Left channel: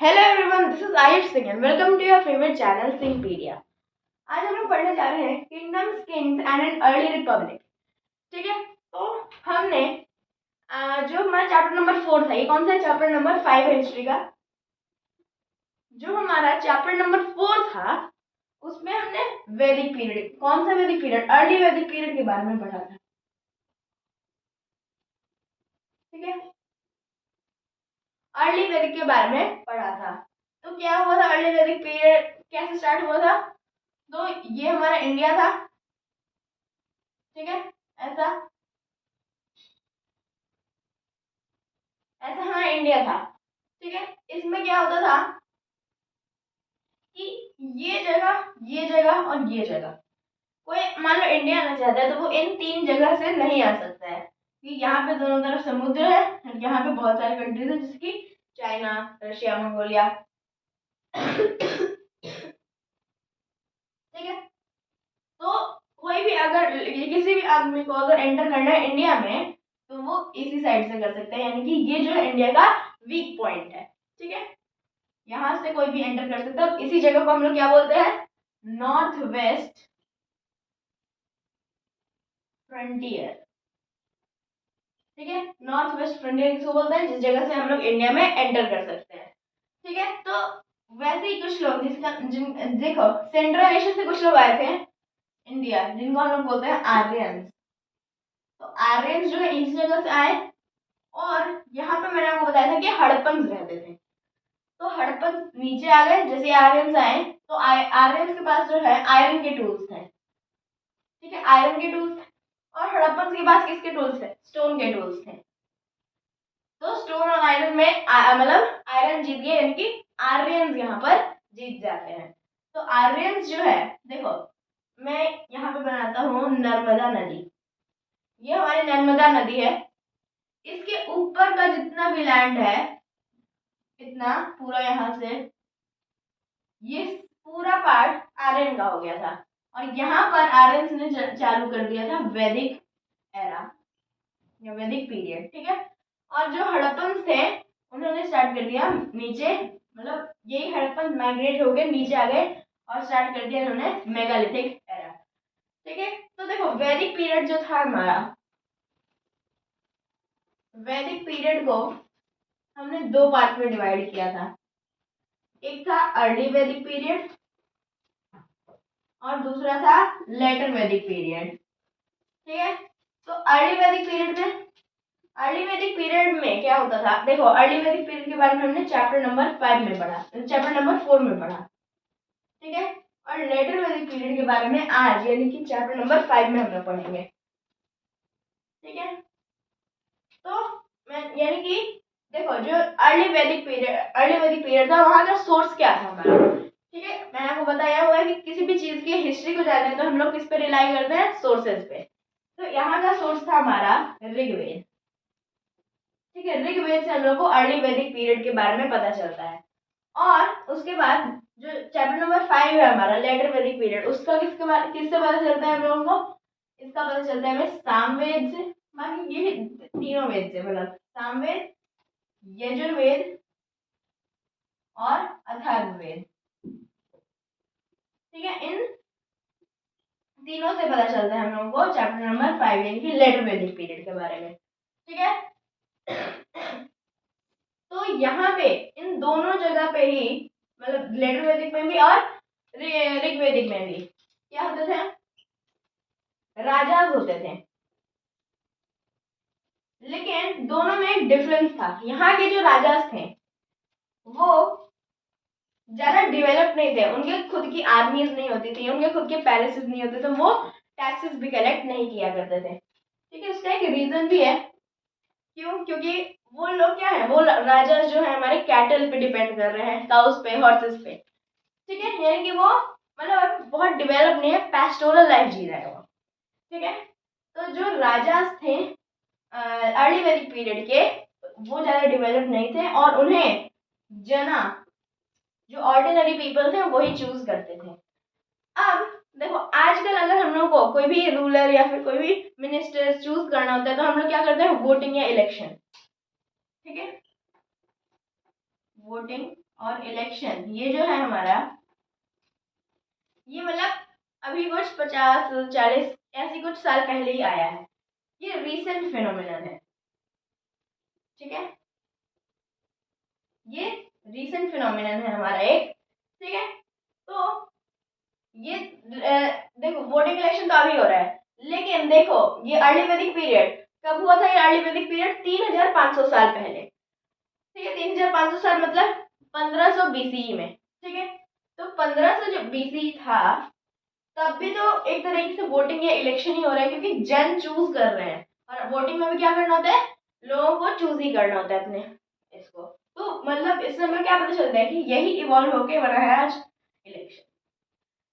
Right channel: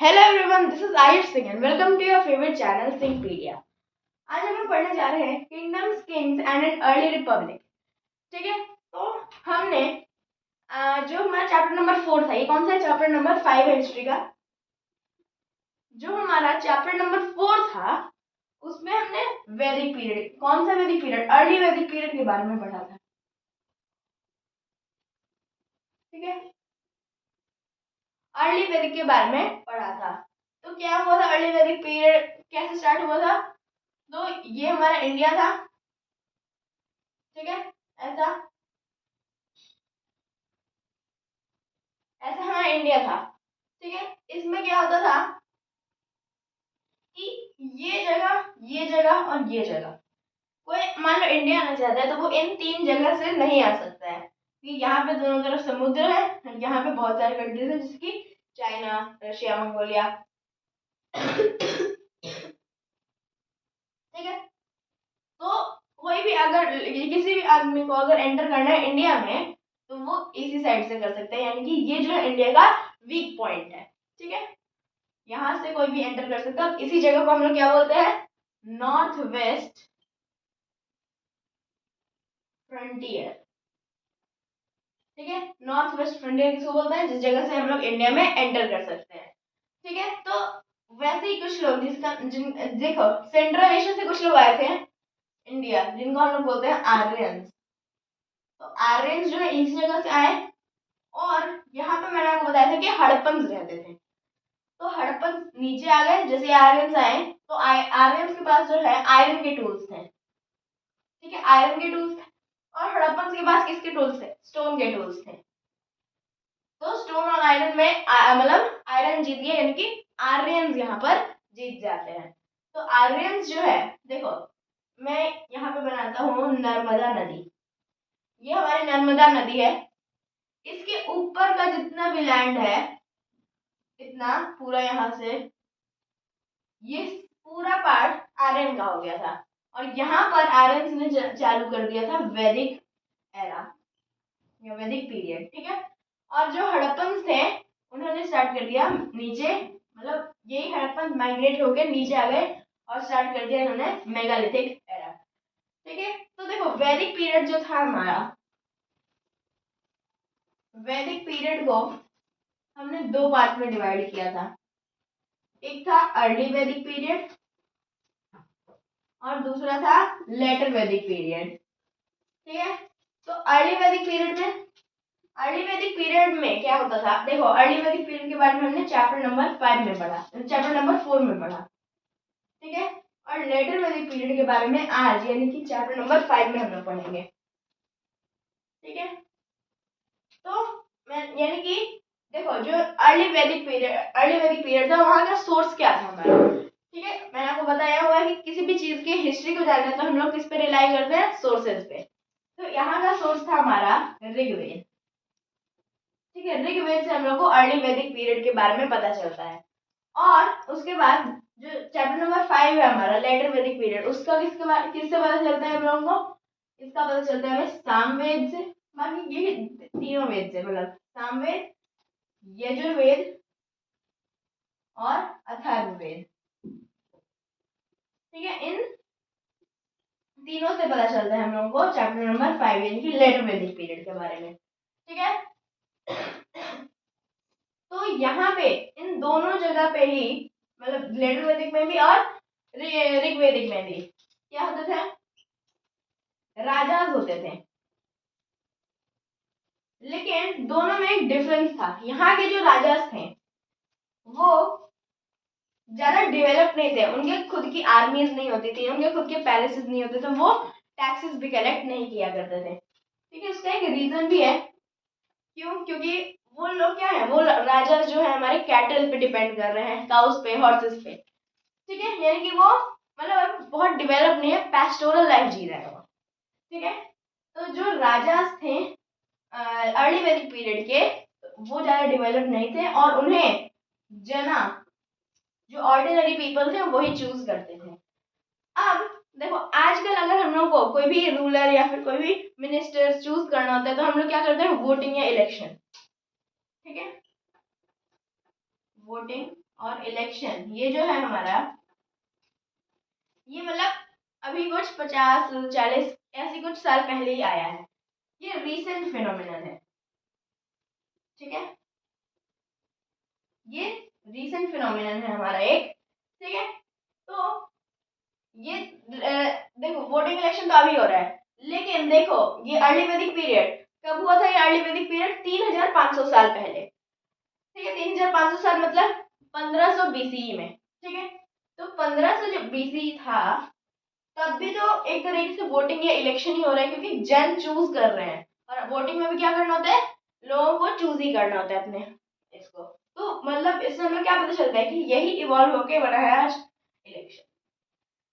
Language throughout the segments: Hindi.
Hello everyone, this is Ayush Singh and welcome to your favourite channel Singhpedia. आज हम लोग पढ़ने जा रहे हैं kingdoms, kings and an early republic. ठीक है, तो हमने जो हमारा चैप्टर नंबर 4 था, ये कौन सा है? चैप्टर नंबर 5 है हिस्ट्री का। जो हमारा चैप्टर नंबर 4 था उसमें हमने वैदिक पीरियड, कौन सा वैदिक पीरियड? अर्ली वैदिक पीरियड के बारे में पढ़ा था। ठीक है, अर्ली वैदिक के बारे में पढ़ा था। तो क्या हुआ था? अर्ली वैदिक पीरियड कैसे स्टार्ट हुआ था? तो ये हमारा इंडिया था। ठीक है, ऐसा ऐसा हमारा इंडिया था। ठीक है, इसमें क्या होता था कि ये जगह और ये जगह, कोई मान लो इंडिया आना चाहता है तो वो इन तीन जगह से नहीं आ सकता है, कि यहाँ पे दोनों तरफ समुद्र है और यहाँ पे बहुत सारे कंट्रीज है, जैसे कि चाइना, रशिया, मंगोलिया। ठीक है, तो कोई भी अगर किसी भी आदमी को अगर एंटर करना है इंडिया में तो वो इसी साइड से कर सकता है, यानी कि ये जो है इंडिया का वीक पॉइंट है। ठीक है, यहाँ से कोई भी एंटर कर सकता है और इसी जगह को हम लोग क्या बोलते हैं? North west frontier. ठीक है, नॉर्थ वेस्ट फ्रंटियर किसको बोलते हैं? जिस जगह से हम लोग इंडिया में एंटर कर सकते हैं। ठीक है, तो वैसे ही कुछ लोग देखो, सेंट्रल एशिया से कुछ लोग आए थे इंडिया, जिनको हम लोग बोलते हैं आर्यंस। तो आर्यंस जो है इस जगह से आए, और यहाँ पे मैंने आपको बताया था कि हड़प्पन्स रहते थे। तो हड़प्पन नीचे आ गए, जैसे आर्यंस आए तो आर्यंस के पास जो है आयरन के टूल्स थे। ठीक है, आयरन के टूल्स थे, और हड़प्पन के पास किसके टूल्स थे? स्टोन के टूल्स थे। तो स्टोन और आयरन में मतलब आयरन जीत गए, यानी कि आर्यंस यहाँ पर जीत जाते हैं। तो आर्यंस जो है, देखो मैं यहाँ पे बनाता हूँ नर्मदा नदी। ये हमारी नर्मदा नदी है, इसके ऊपर का जितना भी लैंड है, इतना पूरा यहाँ से ये पूरा पार्ट आर्यन का हो गया था, और यहाँ पर आर्यंस ने चालू कर दिया था वैदिक एरा या वैदिक पीरियड। ठीक है, और जो हड़प्पन्स थे उन्होंने स्टार्ट कर दिया नीचे, मतलब यही हड़प्पन माइग्रेट हो गए नीचे आ गए और स्टार्ट कर दिया इन्होंने मेगालिथिक एरा। ठीक है, तो देखो वैदिक पीरियड जो था हमारा, वैदिक पीरियड को हमने दो पार्ट में डिवाइड किया था। एक था अर्ली वैदिक पीरियड और दूसरा था लेटर वैदिक पीरियड। ठीक है, तो अर्ली वैदिक पीरियड में क्या होता था? देखो अर्ली वैदिक पीरियड के बारे में हमने चैप्टर नंबर 5 में पढ़ा, चैप्टर नंबर 4 में पढ़ा। ठीक है, और लेटर वैदिक पीरियड के बारे में आज यानी कि चैप्टर नंबर 5 में हम लोग पढ़ेंगे। ठीक है, तो मैं यानी कि देखो जो अर्ली वैदिक पीरियड था, वहां का सोर्स क्या था हमारा? ठीक है, मैंने आपको बताया हुआ है कि किसी भी चीज की हिस्ट्री को जानना है तो हम लोग किस पे रिलाई करते हैं? सोर्सेज पे। तो यहाँ का सोर्स था हमारा ऋग्वेद। ठीक है, ऋग्वेद से हम लोग को अर्ली वैदिक पीरियड के बारे में पता चलता है। और उसके बाद जो चैप्टर नंबर 5 है हमारा लेटर वैदिक पीरियड, उसका किससे पता चलता है हम लोगों को? इसका पता चलता है हमें सामवेद से। बाकी ये तीनों वेद से, मतलब सामवेद, यजुर्वेद और अथर्ववेद। ठीक है, इन तीनों से पता चलता है हम लोगों को चैप्टर नंबर 5 यानी कि लेटर वैदिक पीरियड के बारे में। ठीक है, तो यहाँ पे इन दोनों जगह पे ही, मतलब लेटर वैदिक में भी और ऋग्वेदिक में भी क्या होते थे? राजाज होते थे। लेकिन दोनों में एक डिफरेंस था। यहाँ के जो राजाज थे वो ज्यादा डेवलप नहीं थे, उनके खुद की आर्मीज नहीं होती थी, उनके खुद के पैलेसेस नहीं होते थे, वो टैक्सेस भी कलेक्ट नहीं किया करते थे। ठीक है, उसका एक रीजन भी है। क्यों? क्योंकि वो लोग क्या है, वो राजा जो है हमारे कैटल पे डिपेंड कर रहे हैं, काउस पे, हॉर्सेस पे। ठीक है, यानी कि वो मतलब बहुत डेवलप नहीं है, पैस्टोरल लाइफ जी रहे हैं वो। ठीक है, तो जो राजा थे अर्ली वैदिक पीरियड के, वो ज्यादा डेवलप नहीं थे और उन्हें जना, जो ऑर्डिनरी पीपल थे, वही चूज करते थे। अब देखो आजकल अगर हम लोग को कोई भी रूलर या फिर कोई भी मिनिस्टर चूज करना होता है तो हम लोग क्या करते हैं? वोटिंग या इलेक्शन। ठीक है, वोटिंग और इलेक्शन, ये जो है हमारा, ये मतलब अभी कुछ 50-40 ऐसी कुछ साल पहले ही आया है। ये रीसेंट फिनोमिनन है, ठीक है, ये रीसेंट फिनोमिनन है हमारा एक, ठीक है। तो ये देखो वोटिंग इलेक्शन तो अभी हो रहा है, लेकिन देखो ये अर्ली वैदिक पीरियड कब हुआ था? ये अर्ली वैदिक पीरियड 3500 साल पहले, ठीक है। 3500 साल मतलब 1500 बीसीई में, ठीक है। तो 1500 जो बीसीई था, तब भी तो एक तरीके से वोटिंग या इलेक्शन ही हो रहा है, क्योंकि जन चूज कर रहे हैं, और वोटिंग में भी क्या करना होता है? लोगों को चूज ही करना होता है अपने इसको। तो मतलब इससे हमें क्या पता चलता है कि यही इवॉल्व होके बना है आज इलेक्शन,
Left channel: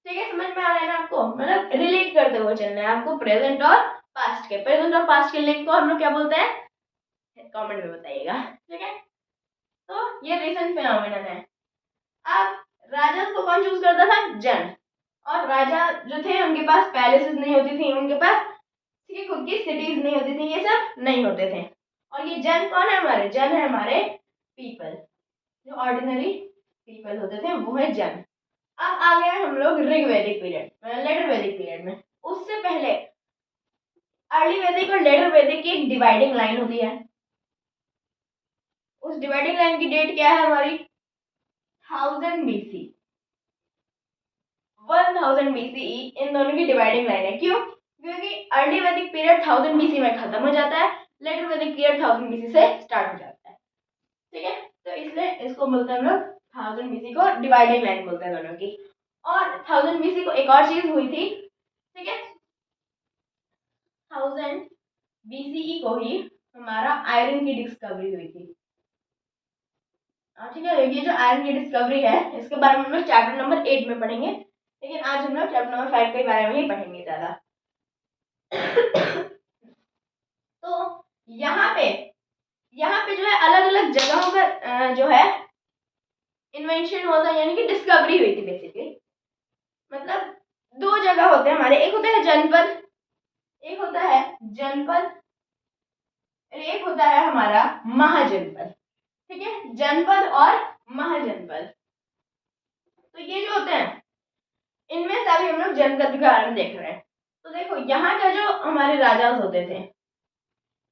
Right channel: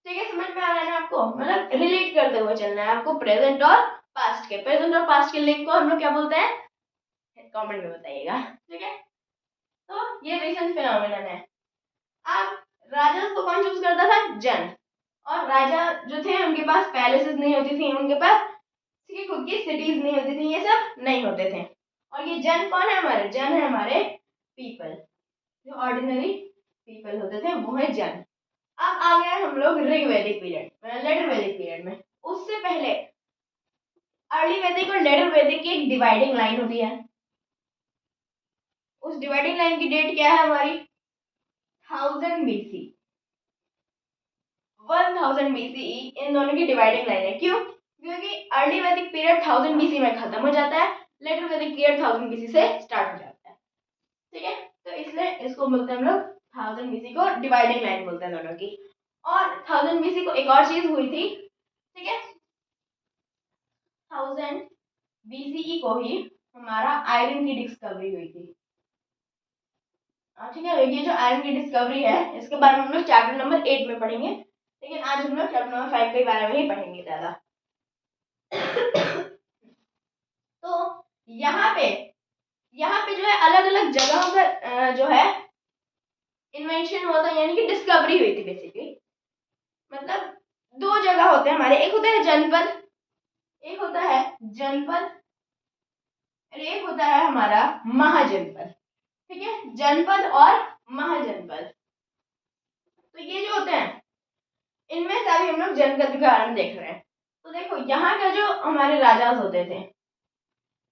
ठीक है। समझ में आ रहा है ना आपको? मतलब रिलेट करते हुए चलना है आपको प्रेजेंट और पास्ट के। प्रेजेंट और पास्ट के लिंक को हम लोग क्या बोलते हैं? कमेंट में बताइएगा, ठीक है। तो ये रीसेंट फिनोमिनन है। अब राजा को कौन चूज करता था? जन। और राजा जो थे उनके पास पैलेसेस नहीं होती थी, उनके पास खुद की सिटीज नहीं होती थी, ये सब नहीं होते थे। और ये जन कौन है हमारे? जन है हमारे पीपल, जो ऑर्डिनरी पीपल होते थे वो है जन। अब आ गए हम लोग ऋग वैदिक पीरियड, लेटर वैदिक पीरियड में। उससे पहले अर्ली वैदिक और लेटर वैदिक की एक डिवाइडिंग लाइन होती है। उस डिवाइडिंग लाइन की डेट क्या है हमारी? 1000 बीसी, 1000 बीसीई इन दोनों की डिवाइडिंग लाइन है। क्यों? क्योंकि अर्ली वैदिक पीरियड 1000 बीसी में खत्म हो जाता है, लेटर वैदिक पीरियड 1000 बीसी से स्टार्ट हो जाता है, ठीक है। तो इसलिए इसको बोलते हैं हम लोग 1000 बीसी को डिवाइडिंग लाइन बोलते हैं दोनों की। और 1000 बीसी को एक और चीज हुई थी, ठीक है। 1000 बीसीई को ही हमारा आयरन की डिस्कवरी हुई थी, ठीक है। ये जो आयरन की डिस्कवरी है इसके बारे में हम लोग चैप्टर नंबर 8 में पढ़ेंगे, लेकिन आज हम लोग चैप्टर नंबर 5 के बारे में ही पढ़ेंगे ज्यादा। तो यहाँ पे जो है अलग अलग जगहों पर जो है इन्वेंशन हुआ था, यानी कि डिस्कवरी हुई थी बेसिकली। मतलब दो जगह होते हैं हमारे, एक होता है जनपद, एक होता है जनपद, और एक होता है हमारा महाजनपद, ठीक है। जनपद और महाजनपद, तो ये जो होते हैं इनमें से अभी हम लोग जनपद के बारे में देख रहे हैं। तो देखो यहाँ का जो हमारे राजा होते थे,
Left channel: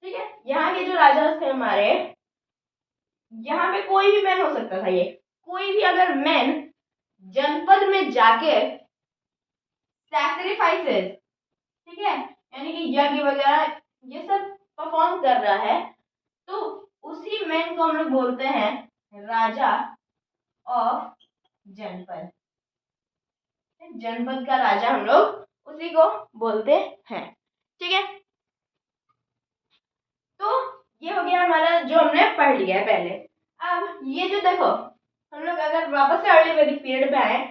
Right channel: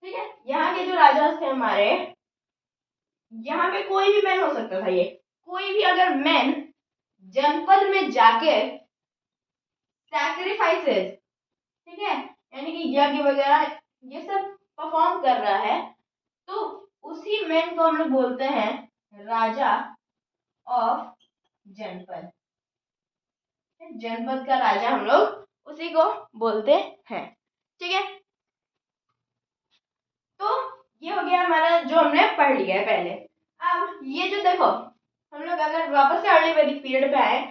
ठीक है, यहाँ के जो राजा थे हमारे, यहाँ पे कोई भी मैन हो सकता था। ये कोई भी अगर मैन जनपद में जाके सैक्रिफाइसेस, ठीक है, यानी कि यज्ञ वगैरह ये सब परफॉर्म कर रहा है, तो उसी मैन को हम लोग बोलते हैं राजा ऑफ जनपद। जनपद का राजा हम लोग उसी को बोलते हैं, ठीक है। तो ये हो गया हमारा जो हमने पढ़ लिया है पहले। अब ये जो देखो हम लोग अगर वापस से अर्ली वैदिक पीरियड पे आए,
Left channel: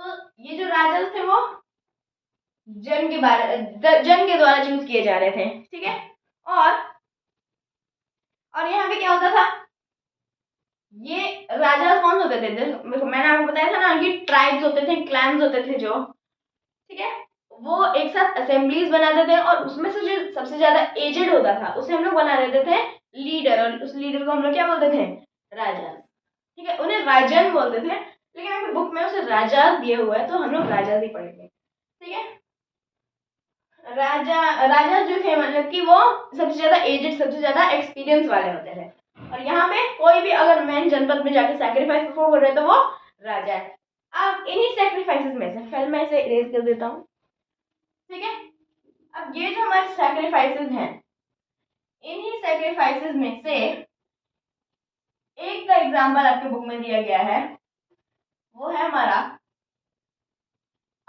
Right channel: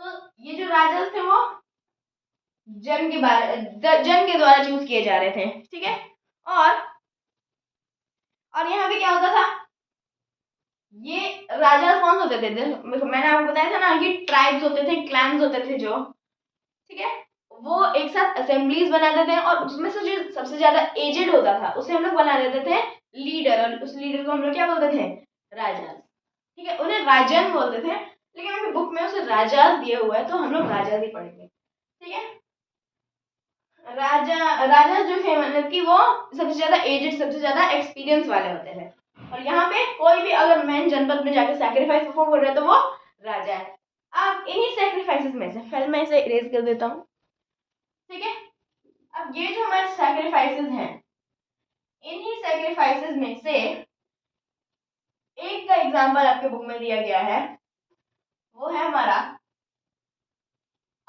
तो ये जो राजा थे वो जन के द्वारा चूज किए जा रहे थे, ठीक है। और यहाँ पे क्या होता था? ये राजा कौन होते थे? मैंने आपको बताया था ना कि ट्राइब्स होते थे, क्लैंस होते थे जो, ठीक है, वो एक साथ असेंबलीज बनाते थे, और उसमें से जो सबसे ज्यादा एजेड होता था उसे हम लोग बना देते थे लीडर, और उस लीडर को हम लोग क्या बोलते थे? राजा, ठीक है। उन्हें राजन बोलते थे, लेकिन अभी बुक में उसे राजा दिया हुआ है तो हम लोग राजा ही पढ़ेंगे, ठीक है। राजा जो थे मतलब कि वो सबसे ज्यादा एजेड, सबसे ज्यादा एक्सपीरियंस वाले होते थे। और यहाँ पे कोई भी अगर मैन जनपद में जाके सैक्रिफाइस परफॉर्म कर रहे हैं तो वो राजा है। अब इन्हीं सैक्रिफाइसेस में से पहले मैं इसे इरेज कर देता हूँ, ठीक है। अब ये जो हमारे सैक्रिफाइसेस हैं, इन्हीं सैक्रिफाइसेस में से एक का एग्जांपल आपके बुक में दिया गया है, वो है हमारा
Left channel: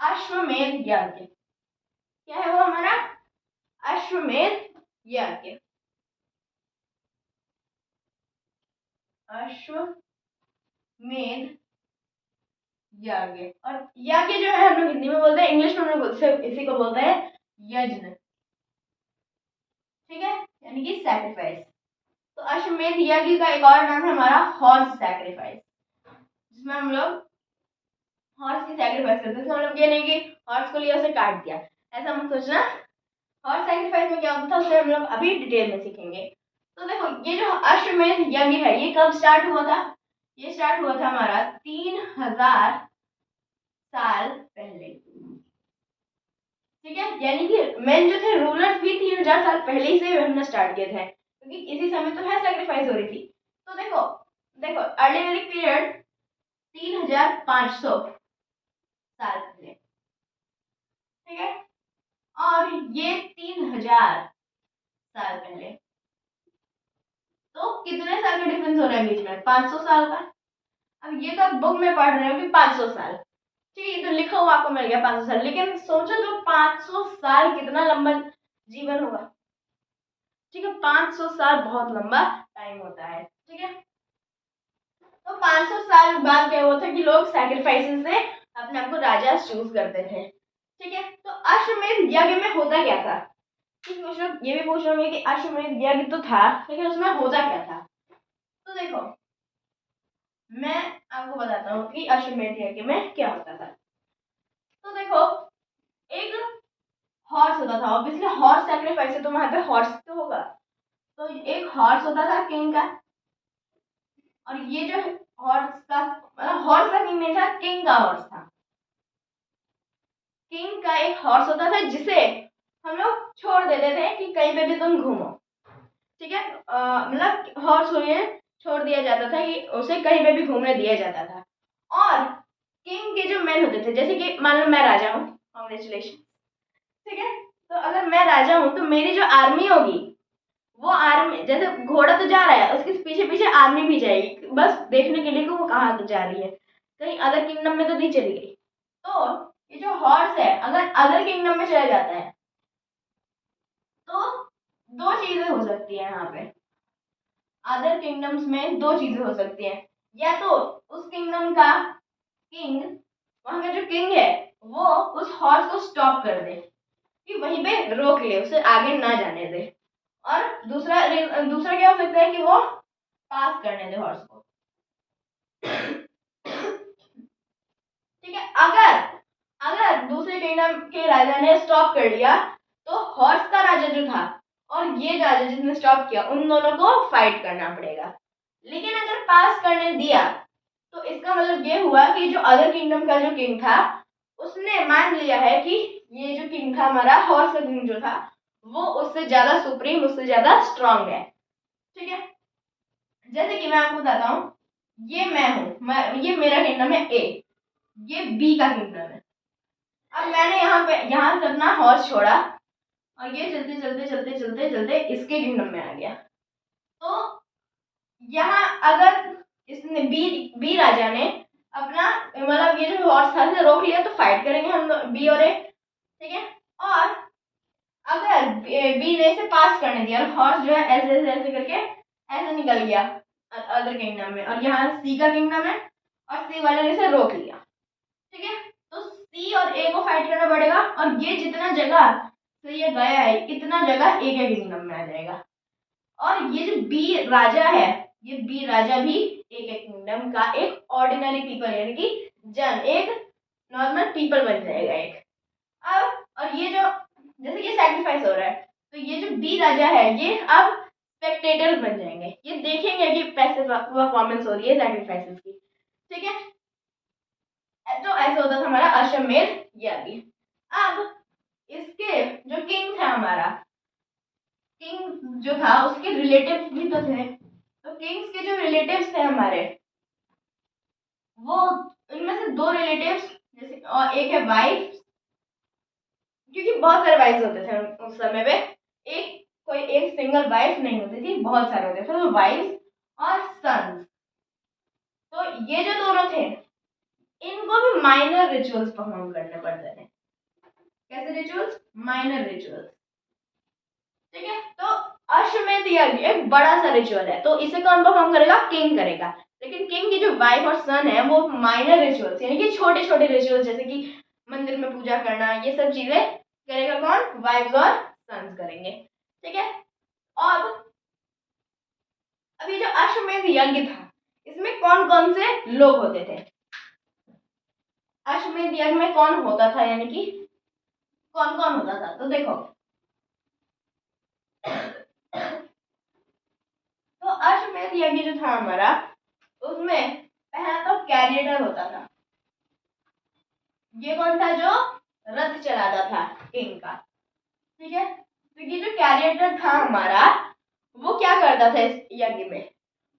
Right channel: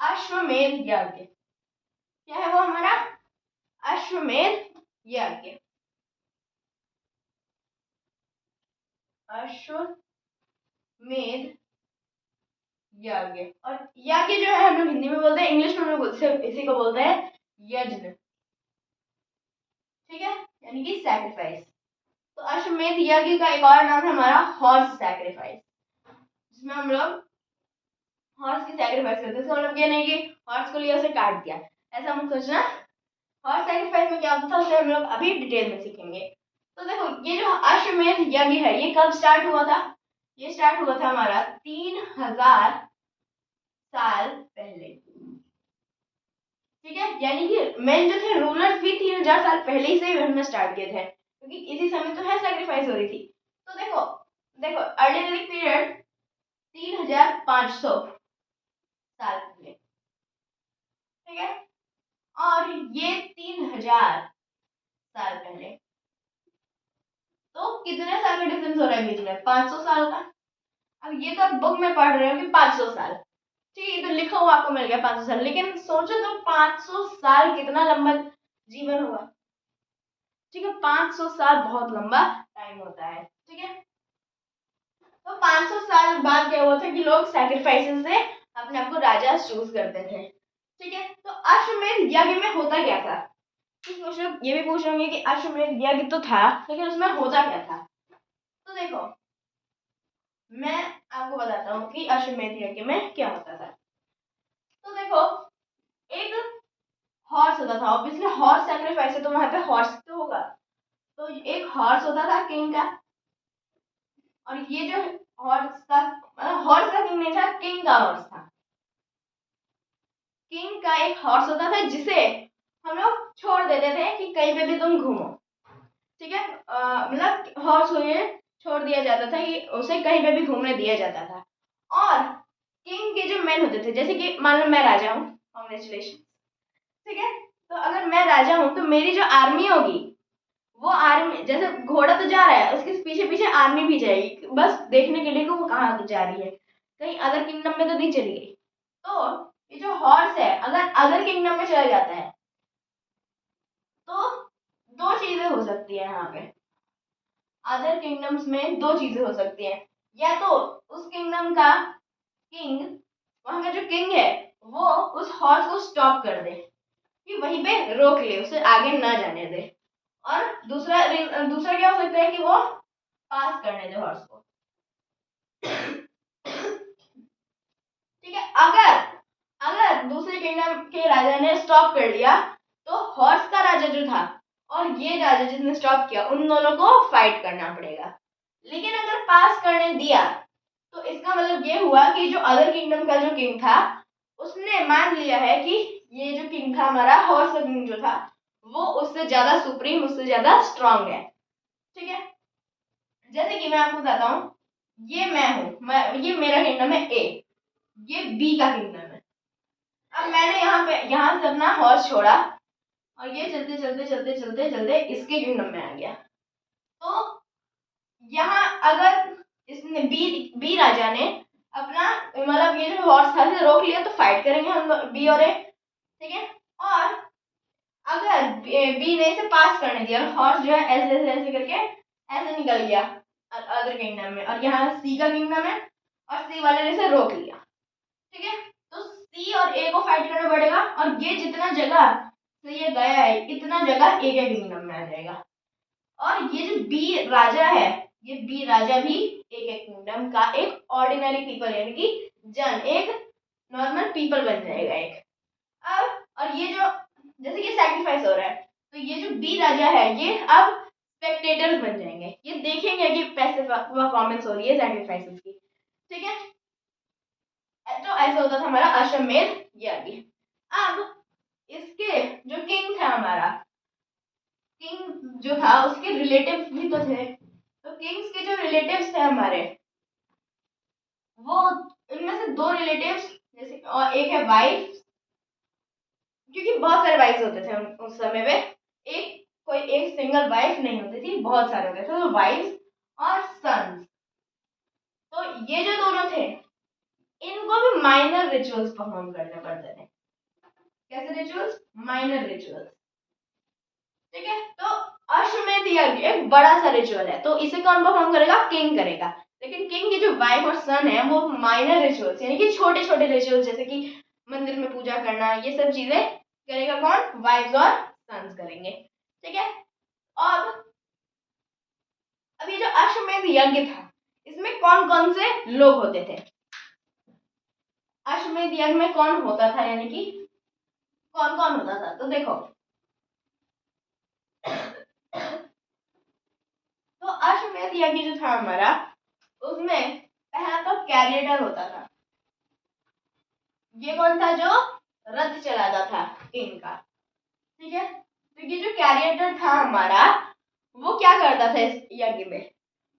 अश्वमेध यज्ञ। क्या है वो हमारा? अश्वमेध यज्ञ। अश्वमेध यज्ञ, और यज्ञ जो है हम लोग हिंदी में बोलते हैं, इंग्लिश में हम लोग इसी को बोलते हैं यज्ञ, ठीक है, यानी कि सैक्रिफाइस। तो अश्वमेध यज्ञ का एक और नाम है हमारा हॉर्स सैक्रिफाइस, जिसमें हम लोग हॉर्स की सैक्रिफाइस करते हैं। हम लोग ये नहीं कि हॉर्स को लिया उसे काट दिया, ऐसा मत सोचना। हॉर्स सैक्रिफाइस में क्या होता था उसे हम लोग अभी डिटेल में सीखेंगे। तो देखो ये जो अश्वमेध यज्ञ है ये कब स्टार्ट हुआ था? ये स्टार्ट हुआ था हमारा 3000 साल पहले। ठीक है, यानी कि मेन जो थे रूलर्स भी 3000 साल पहले ही से हमने स्टार्ट किए थे, क्योंकि इसी समय तो है सैक्रिफाइस हो रही थी। तो देखो देखो अर्ली वैदिक पीरियड 3500 साल पहले। ठीक है, और ये 3000 साल पहले। तो कितने साल का डिफरेंस हो रहा है बीच में? 500 साल का। अब ये तो आप बुक में पढ़ रहे हो कि 500 साल, ठीक है, तो लिखा हुआ आपको मिल गया 500 साल, लेकिन सोचो तो 500 साल कितना लंबा जीवन हुआ। ठीक है, 500 साल बहुत लंबा टाइम होता है। ठीक है, तो 500 साल बाद क्या हुआ था कि लोग सैक्रिफाइसेस से अपने आप को राजा चूज करते थे। ठीक है, तो अश्वमेध यज्ञ में होता क्या था? ये भी पूछ रहे कि अश्वमेध यज्ञ तो था, लेकिन उसमें होता क्या था? तो देखो मैं आपको बताता हूँ कि अश्वमेध यज्ञ में क्या होता था। तो देखो एक हॉर्स होता था, ऑब्वियसली हॉर्स सैक्रिफाइस है तो वहां पे हॉर्स तो होगा। तो एक हॉर्स होता था किंग का, और ये जो हॉर्स का किंग नहीं था, किंग का हॉर्स था। किंग का एक हॉर्स होता था जिसे हम लोग छोड़ देते थे कि कहीं पे भी तुम घूमो। ठीक है, मतलब हॉर्स हो ये छोड़ दिया जाता था कि उसे कहीं पे भी घूमने दिया जाता था। और किंग के जो मैन होते थे, जैसे कि मान लो मैं राजा हूँ, कॉन्ग्रेचुलेशन। ठीक है, तो अगर मैं राजा हूँ तो मेरी जो आर्मी होगी, वो आर्मी जैसे घोड़ा तो जा रहा है, उसके पीछे पीछे आर्मी भी जाएगी, बस देखने के लिए कि वो कहाँ जा रही है, कहीं अदर किंगडम में तो नहीं चली गई। तो ये जो हॉर्स है अगर अदर किंगडम में चला जाता है तो दो चीजें हो सकती है यहाँ पे। अदर किंगडम्स में दो चीजें हो सकती हैं, या तो उस किंगडम का किंग, वहां का जो किंग है, वो उस हॉर्स को स्टॉप कर दे, कि वहीं पे रोक ले, उसे आगे ना जाने दे। और दूसरा क्या हो सकता है कि वो पास करने दे हॉर्स को। ठीक है, अगर अगर दूसरे किंगडम के राजा ने स्टॉप कर लिया तो हॉर्स का राजा जो था और ये राजा जिसने स्टॉप किया, उन दोनों को फाइट करना पड़ेगा। लेकिन अगर पास करने दिया तो इसका मतलब ये हुआ कि जो अदर किंगडम का जो किंग था, उसने मान लिया है कि ये जो किंग था हमारा, हॉर्स का किंग जो था, वो उससे ज्यादा सुप्रीम, उससे ज्यादा स्ट्रांग है। ठीक है, जैसे कि मैं आपको बताता हूँ, ये मैं हूँ, ये मेरा किंगडम है ए, ये बी का किंगडम है। अब मैंने यहाँ से अपना हॉर्स छोड़ा और ये चलते चलते चलते चलते चलते इसके किंगडम में आ गया। तो यहाँ अगर इसने बी राजा ने अपना मतलब ये जो हॉर्स था इसे रोक लिया तो फाइट करेंगे हम बी और ए। ठीक है, और अगर बी ने इसे पास करने दिया और हॉर्स जो है ऐसे ऐसे ऐसे करके ऐसे निकल गया अदर किंगडम में, और यहाँ सी का किंगडम है और सी वाले ने इसे रोक लिया। ठीक है, तो सी और ए को फाइट करना पड़ेगा, और ये जितना जगह से ये गया है इतना जगह ए के किंगडम में आ जाएगा। और ये जो बी राजा है, ये बी राजा भी एक किंगडम का एक ऑर्डिनरी पीपल यानी कि एक नॉर्मल पीपल बन जाएगा एक। अब और ये जो जैसे ये सैक्रिफाइस हो रहा है, तो ये जो बी राजा है ये अब स्पेक्टेटर्स बन जाएंगे, ये देखेंगे कि पैसे परफॉर्मेंस हो रही है सैक्रिफाइसेस की। ठीक है, तो ऐसा होता था हमारा अश्वमेध यज्ञ। अब इसके जो किंग था हमारा, किंग जो था उसके रिलेटिव्स भी तो थे, तो किंग्स के जो रिलेटिव्स थे हमारे, वो उनमें से दो रिलेटिव्स, जैसे और एक है वाइफ, क्योंकि बहुत सारे वाइफ्स होते थे उस समय पे, कोई एक सिंगल वाइफ नहीं होती थी, बहुत सारे होते थे, तो वाइफ्स और सन्स। तो ये जो दोनों थे इनको भी माइनर रिचुअल्स परफॉर्म करने पड़ते थे। कैसे रिचुअल्स? Minor rituals. ठीक है, तो अश्वमेध यज्ञ एक बड़ा सा रिचुअल है, तो इसे कौन परफॉर्म करेगा? किंग करेगा। लेकिन किंग की जो वाइफ और सन है वो माइनर रिचुअल्स यानी कि छोटे छोटे रिचुअल्स, जैसे कि मंदिर में पूजा करना, ये सब चीजें करेगा कौन? वाइफ्स और सन्स करेंगे। ठीक है, अब अभी जो अश्वमेध यज्ञ था इसमें कौन कौन से लोग होते थे? अश्वमेध यज्ञ में कौन होता था, यानी कि कौन कौन होता था? तो देखो तो अश्वमेध यज्ञ जो था हमारा, उसमें कैरिएटर होता था। ये कौन था? जो रथ चलाता था किंग का। ठीक है, तो ये जो कैरिएटर था हमारा, वो क्या करता था इस यज्ञ में?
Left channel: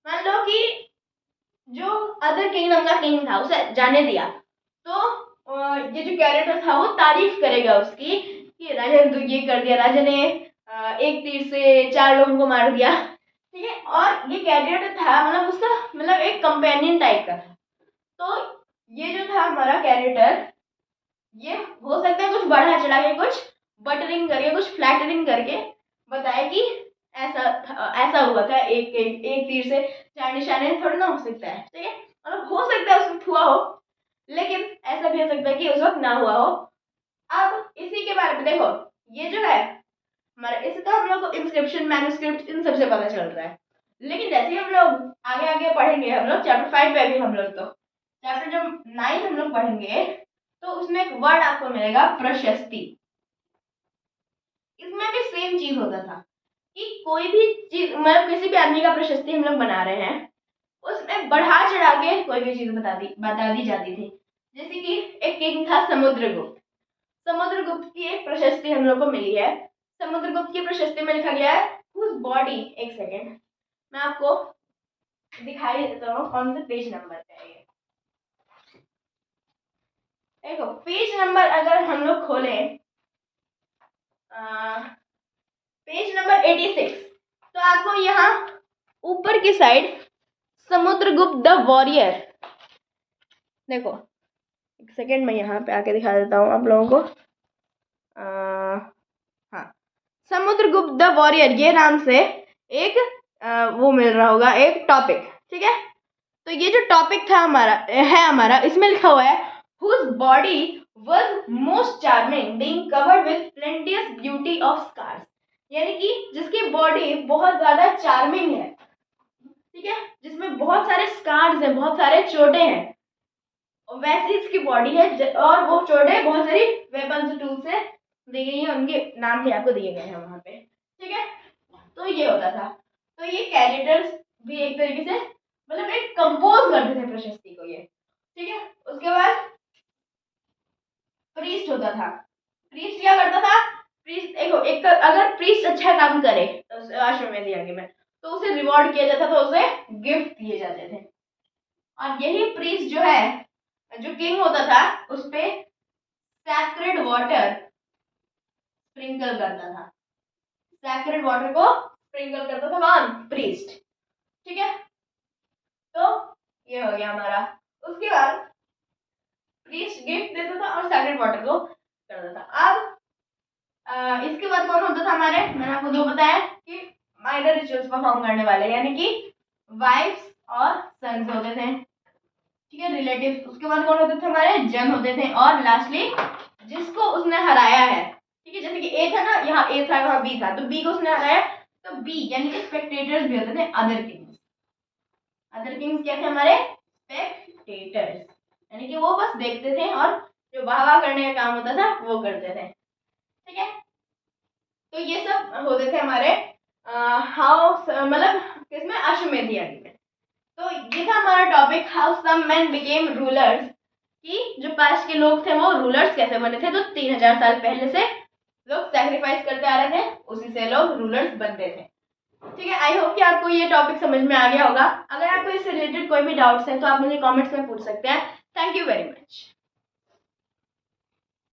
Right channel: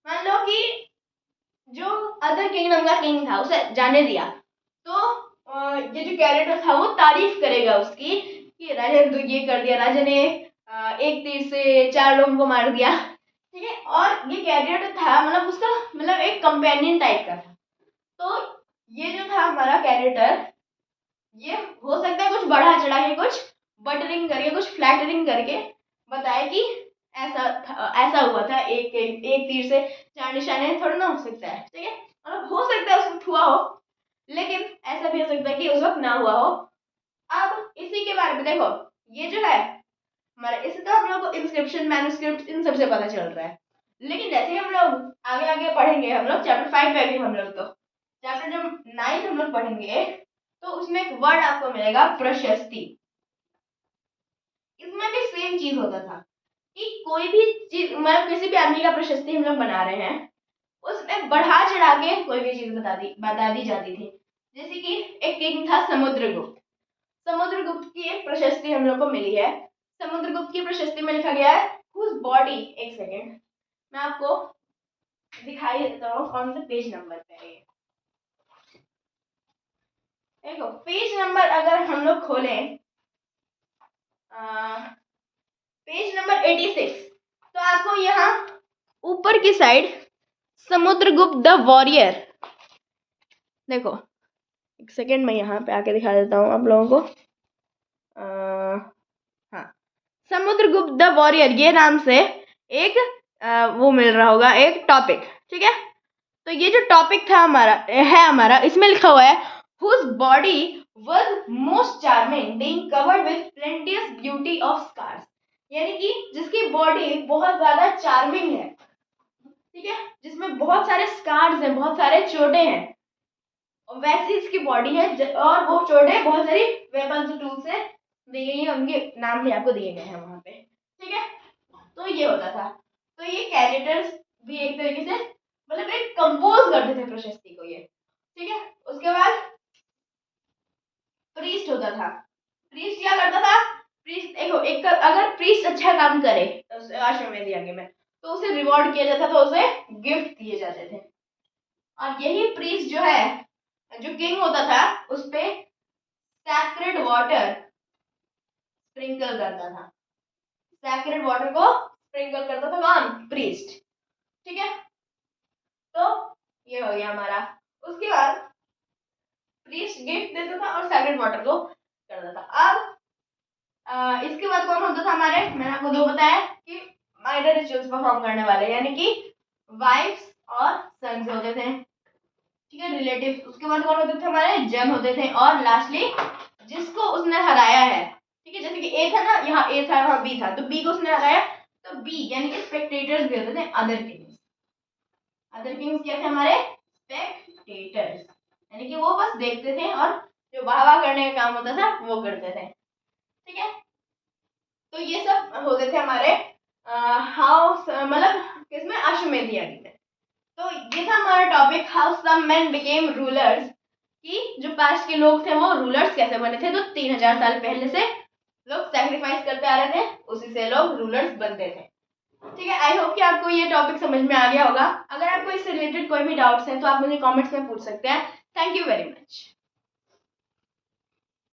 मान लो कि जो अदर किंगडम का किंग था उसे जाने दिया, तो ये जो कैरेक्टर था वो तारीफ करेगा उसकी कि राजा ने तो ये कर दिया, राजा ने एक तीर से 4 लोगों को मार दिया। ठीक है, और ये कैरेक्टर था मतलब उसका मतलब एक कंपेनियन टाइप का था। तो ये जो था हमारा कैरेक्टर, ये हो सकता है कुछ बढ़ा चढ़ा के, कुछ बटरिंग करके, कुछ फ्लैटरिंग करके बताए कि ऐसा हुआ था, एक तीर से 4 निशाने थोड़ा ना हो सकता है। ठीक है, मतलब हो सकता है उस वक्त हुआ हो, लेकिन ऐसा भी हो सकता है कि उस वक्त ना हुआ हो। अब इसी के बारे में देखो, ये जो है हमारा, इसका हम लोग को इंस्क्रिप्शन, मैन्युस्क्रिप्ट, इन सबसे पता चल रहा है। लेकिन जैसे ही हम लोग आगे आगे पढ़ेंगे, हम लोग चैप्टर 5 पे भी, हम लोग तो चैप्टर जब 9 हम लोग पढ़ेंगे, तो उसमें एक वर्ड आपको मिलेगा प्रशस्ति। इसमें भी सेम चीज होता था कि कोई भी चीज मतलब किसी भी आदमी का प्रशस्ति हम लोग बना रहे हैं, उसमें बढ़ा चढ़ा के कोई भी चीज बता दी जाती थी। जैसे कि एक किंग था समुद्रगुप्त। समुद्रगुप्त की एक प्रशस्ति हम लोग को मिली है। समुद्रगुप्त की प्रशस्ति में लिखा गया है हुज बॉडी, एक सेकेंड मैं आपको दिखाई देता हूँ कौन से पेज नंबर पे है ये। देखो पेज नंबर अगर हम लोग खोले, पेज नंबर 86, तो आपको यहाँ ऊपर की साइड समुद्रगुप्त द वॉरियर, देखो एक सेकेंड मैं यहाँ पे आके दिखा देता हूँ आप लोगों को। हाँ, समुद्रगुप्त द वॉरियर ये नाम से एक वो मिल रहा होगा, एक टॉपिक। ठीक है, तो ये जो टॉपिक था हमारा इसमें लिखा हुआ है whose body was most charming being covered with plenteous beauty of scars, यानी कि जिसकी बॉडी बहुत ज्यादा चार्मिंग है। ठीक है, जिसमें बहुत सारे स्कार्स हैं, बहुत सारे चोटें हैं, वैसी इसकी बॉडी है, और वो चोटें बहुत सारी वेपन्स टूल से दी गई है, उनके नाम भी आपको दिए गए हैं वहां पे। ठीक है, तो ये होता था। तो ये कैरेक्टर्स भी एक तरीके से मतलब एक कंपोज करते थे प्रशस्ति को ये। ठीक है, उसके बाद प्रीस्ट होता था। प्रीस्ट क्या करता था? प्रीस्ट देखो, एक अगर प्रीस्ट अच्छा काम करे अश्वमेध यज्ञ में, तो उसे रिवॉर्ड किया जाता था, उसे गिफ्ट दिए जाते थे। और यही प्रीस्ट जो है, जो किंग होता था, उस पे सैक्रेड वाटर स्प्रिंकल करता था। सैक्रेड वाटर को स्प्रिंकल करता था कौन? प्रीस्ट। ठीक है, तो ये हो गया हमारा। उसके बाद प्रीस्ट गिफ्ट देता था और सैक्रेड वाटर को करता था। अब इसके बाद कौन होता था हमारे, मैंने आपको दो बताया कि माइनर रिचुअल्स परफॉर्म करने वाले, यानी कि वाइफ्स और सन्स होते थे। ठीक है, रिलेटिव। उसके बाद कौन होते थे हमारे? जन होते थे। और लास्टली जिसको उसने हराया है। ठीक है, जैसे कि ए था ना, यहाँ ए था, यहाँ बी था, तो बी को उसने हराया, तो बी यानी कि स्पेक्टेटर्स भी होते थे। अदर किंग्स, अदर किंग्स क्या थे हमारे? स्पेक्टेटर्स, यानी कि वो बस देखते थे और जो वाह वाह करने का काम होता था वो करते थे। ठीक है, तो ये सब होते थे हमारे हाउस मतलब किसमें? अश्वमेध यज्ञ में। तो ये था हमारा topic, how some men became rulers, कि जो पास्ट के लोग थे वो रूलर्स कैसे बने थे। तो 3000 साल पहले से लोग सैक्रिफाइस करते आ रहे थे, उसी से लोग रूलर्स बनते थे। ठीक है, आई होप कि आपको ये टॉपिक समझ में आ गया होगा। अगर आपको इससे रिलेटेड कोई भी डाउट्स हैं तो आप मुझे कमेंट्स में पूछ सकते हैं। Thank you very much.